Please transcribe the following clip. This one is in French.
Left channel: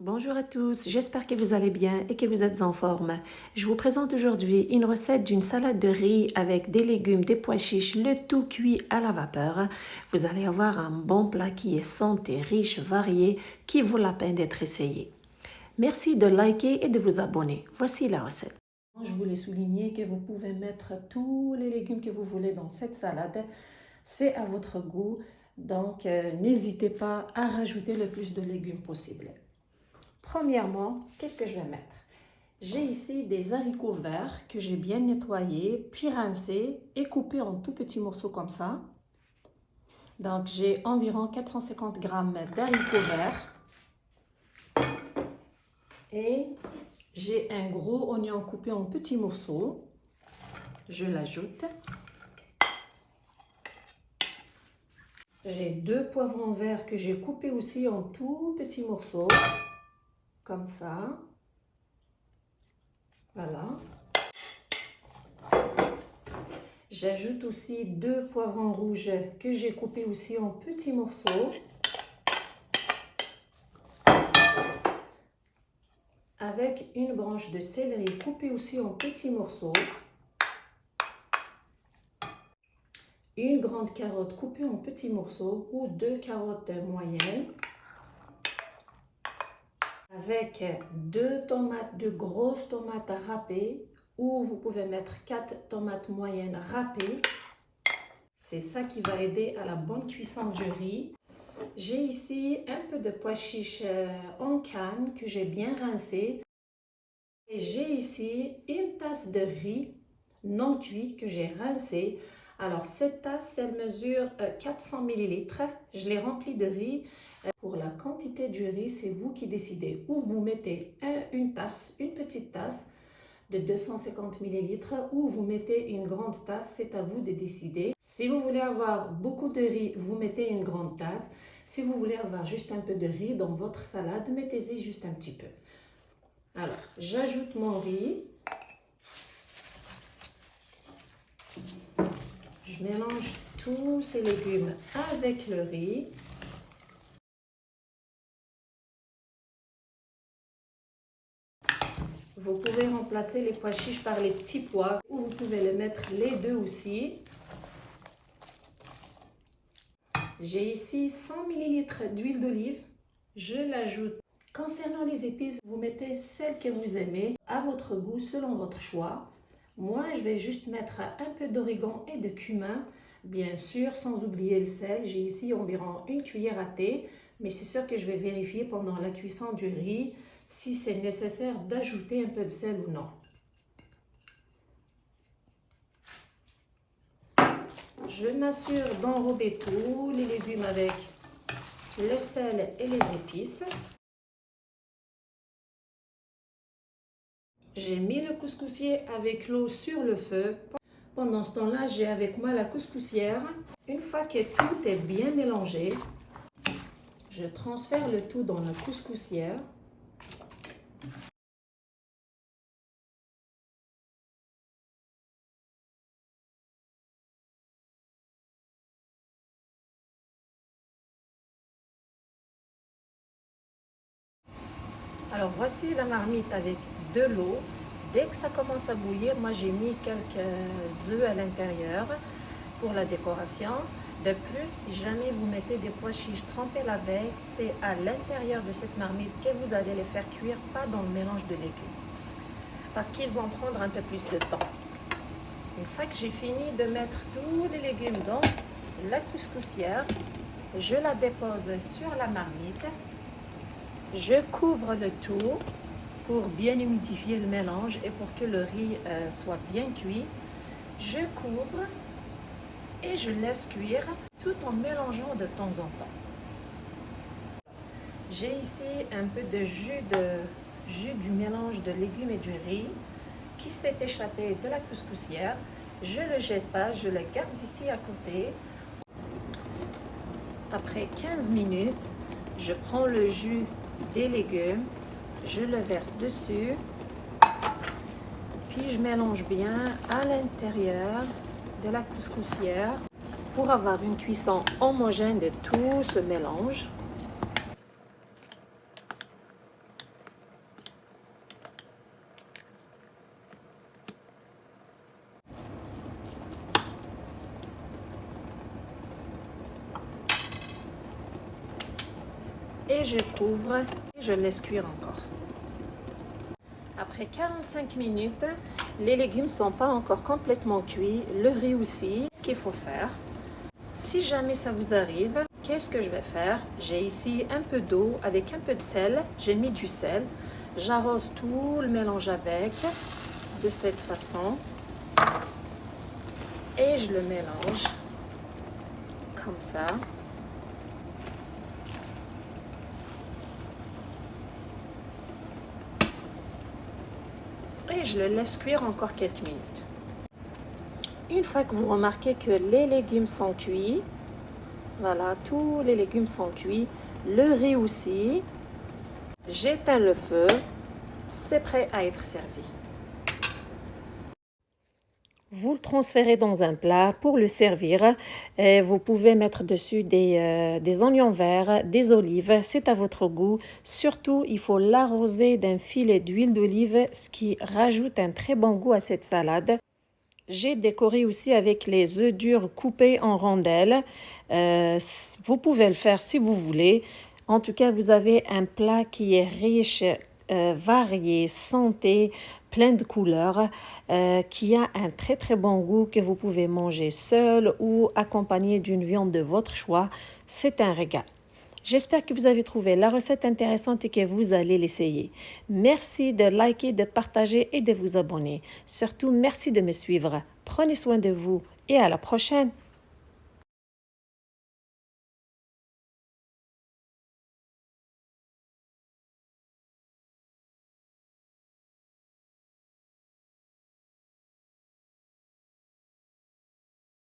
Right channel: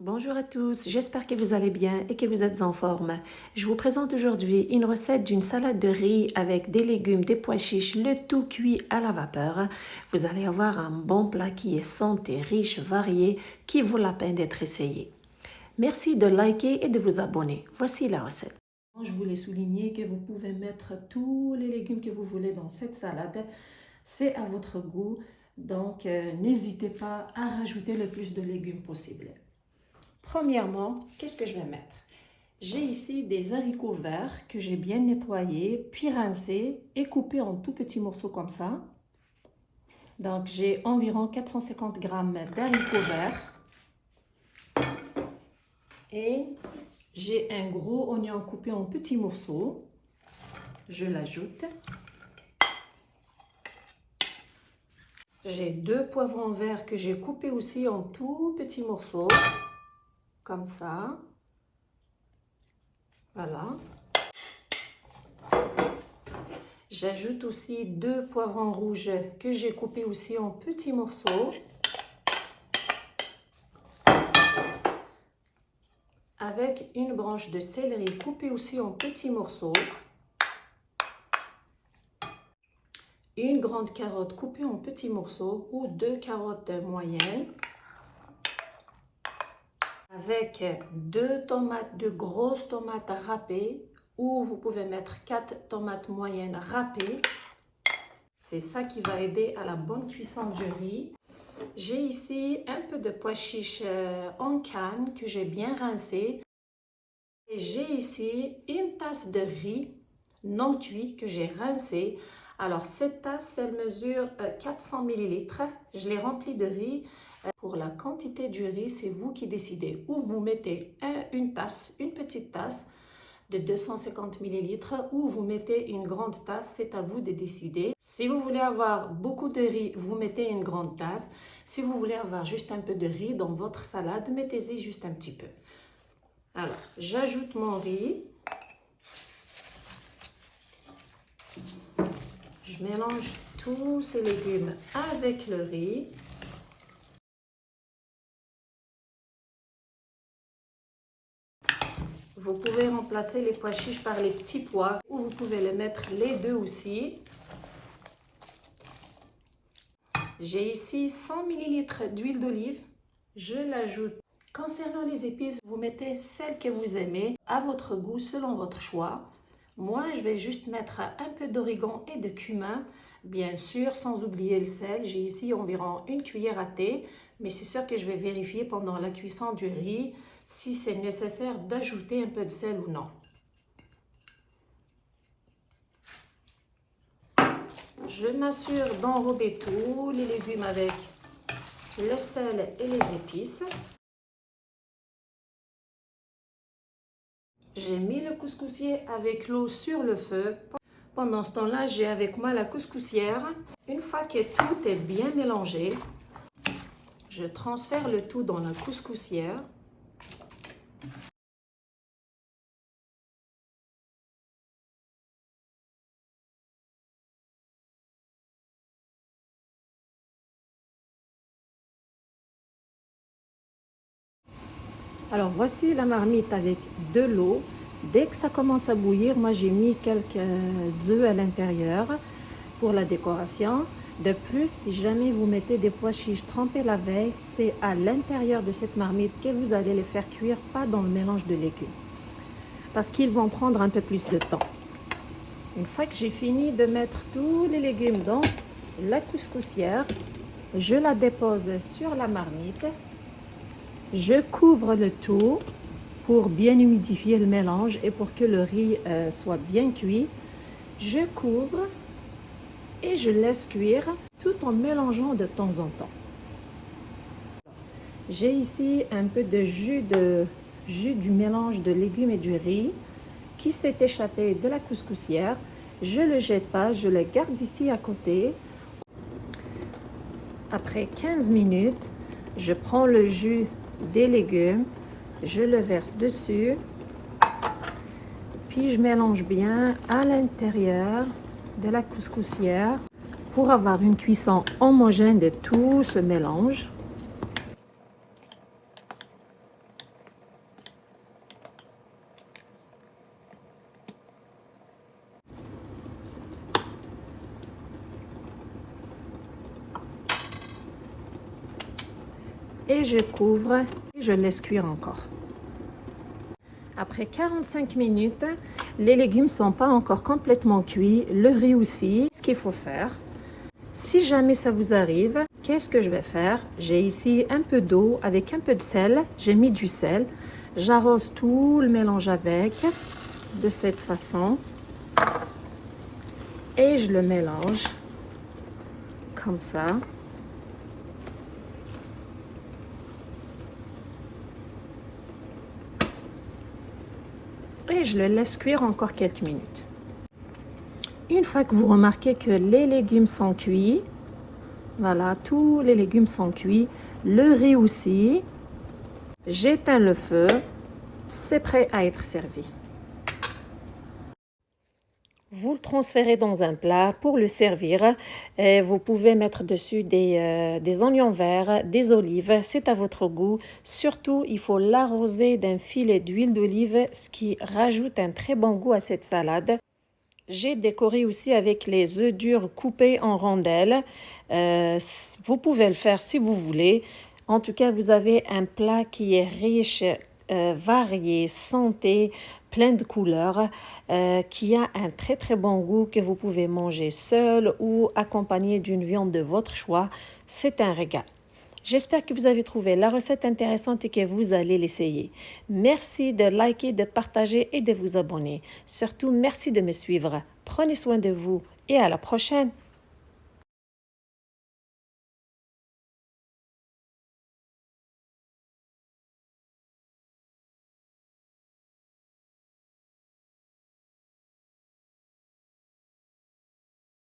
Bonjour à tous, j'espère que vous allez bien et que vous êtes en forme. Je vous présente aujourd'hui une recette d'une salade de riz avec des légumes, des pois chiches, le tout cuit à la vapeur. Vous allez avoir un bon plat qui est santé, riche, varié, qui vaut la peine d'être essayé. Merci de liker et de vous abonner. Voici la recette. Je voulais souligner que vous pouvez mettre tous les légumes que vous voulez dans cette salade. C'est à votre goût, donc n'hésitez pas à rajouter le plus de légumes possible. Premièrement, qu'est-ce que je vais mettre? J'ai ici des haricots verts que j'ai bien nettoyés, puis rincés et coupés en tout petits morceaux comme ça. Donc, j'ai environ 450 g d'haricots verts. Et j'ai un gros oignon coupé en petits morceaux. Je l'ajoute. J'ai 2 poivrons verts que j'ai coupés aussi en tout petits morceaux. Comme ça. Voilà. J'ajoute aussi 2 poivrons rouges que j'ai coupés aussi en petits morceaux. Avec une branche de céleri coupée aussi en petits morceaux. Une grande carotte coupée en petits morceaux ou 2 carottes moyennes. Avec 2 tomates, de grosses tomates râpées, ou vous pouvez mettre 4 tomates moyennes râpées. C'est ça qui va aider à la bonne cuisson du riz. J'ai ici un peu de pois chiches en canne que j'ai bien rincé. Et j'ai ici une tasse de riz non cuit que j'ai rincé. Alors cette tasse, elle mesure 400 ml. Je l'ai remplie de riz. Pour la quantité du riz, c'est vous qui décidez. Ou vous mettez une petite tasse de 250 ml ou vous mettez une grande tasse, c'est à vous de décider. Si vous voulez avoir beaucoup de riz, vous mettez une grande tasse. Si vous voulez avoir juste un peu de riz dans votre salade, mettez-y juste un petit peu. Alors, j'ajoute mon riz. Je mélange tous ces légumes avec le riz. Vous pouvez remplacer les pois chiches par les petits pois ou vous pouvez les mettre les deux aussi. J'ai ici 100 ml d'huile d'olive. Je l'ajoute. Concernant les épices, vous mettez celles que vous aimez à votre goût selon votre choix. Moi, je vais juste mettre un peu d'origan et de cumin, bien sûr, sans oublier le sel. J'ai ici environ une cuillère à thé, mais c'est sûr que je vais vérifier pendant la cuisson du riz si c'est nécessaire d'ajouter un peu de sel ou non. Je m'assure d'enrober tous les légumes avec le sel et les épices. J'ai mis le couscoussier avec l'eau sur le feu. Pendant ce temps-là, j'ai avec moi la couscoussière. Une fois que tout est bien mélangé, je transfère le tout dans la couscoussière. Alors voici la marmite avec de l'eau. Dès que ça commence à bouillir, moi j'ai mis quelques œufs à l'intérieur pour la décoration. De plus, si jamais vous mettez des pois chiches trempés la veille, c'est à l'intérieur de cette marmite que vous allez les faire cuire, pas dans le mélange de légumes. Parce qu'ils vont prendre un peu plus de temps. Une fois que j'ai fini de mettre tous les légumes dans la couscoussière, je la dépose sur la marmite. Je couvre le tout pour bien humidifier le mélange et pour que le riz soit bien cuit. Je couvre et je laisse cuire tout en mélangeant de temps en temps. J'ai ici un peu de jus du mélange de légumes et du riz qui s'est échappé de la couscoussière. Je ne le jette pas, je le garde ici à côté. Après 15 minutes, je prends le jus des légumes, je le verse dessus, puis je mélange bien à l'intérieur de la couscoussière pour avoir une cuisson homogène de tout ce mélange. Et je couvre et je laisse cuire encore. Après 45 minutes, les légumes ne sont pas encore complètement cuits, le riz aussi. Ce qu'il faut faire, si jamais ça vous arrive, qu'est-ce que je vais faire? J'ai ici un peu d'eau avec un peu de sel, j'ai mis du sel. J'arrose tout le mélange avec, de cette façon. Et je le mélange, comme ça. Et je le laisse cuire encore quelques minutes. Une fois que vous remarquez que les légumes sont cuits, voilà, tous les légumes sont cuits, le riz aussi, j'éteins le feu, c'est prêt à être servi. Vous le transférez dans un plat pour le servir. Et vous pouvez mettre dessus des oignons verts, des olives, c'est à votre goût. Surtout, il faut l'arroser d'un filet d'huile d'olive, ce qui rajoute un très bon goût à cette salade. J'ai décoré aussi avec les œufs durs coupés en rondelles. Vous pouvez le faire si vous voulez. En tout cas, vous avez un plat qui est riche, varié, santé, plein de couleurs, qui a un très très bon goût que vous pouvez manger seul ou accompagné d'une viande de votre choix. C'est un régal. J'espère que vous avez trouvé la recette intéressante et que vous allez l'essayer. Merci de liker, de partager et de vous abonner. Surtout, merci de me suivre. Prenez soin de vous et à la prochaine.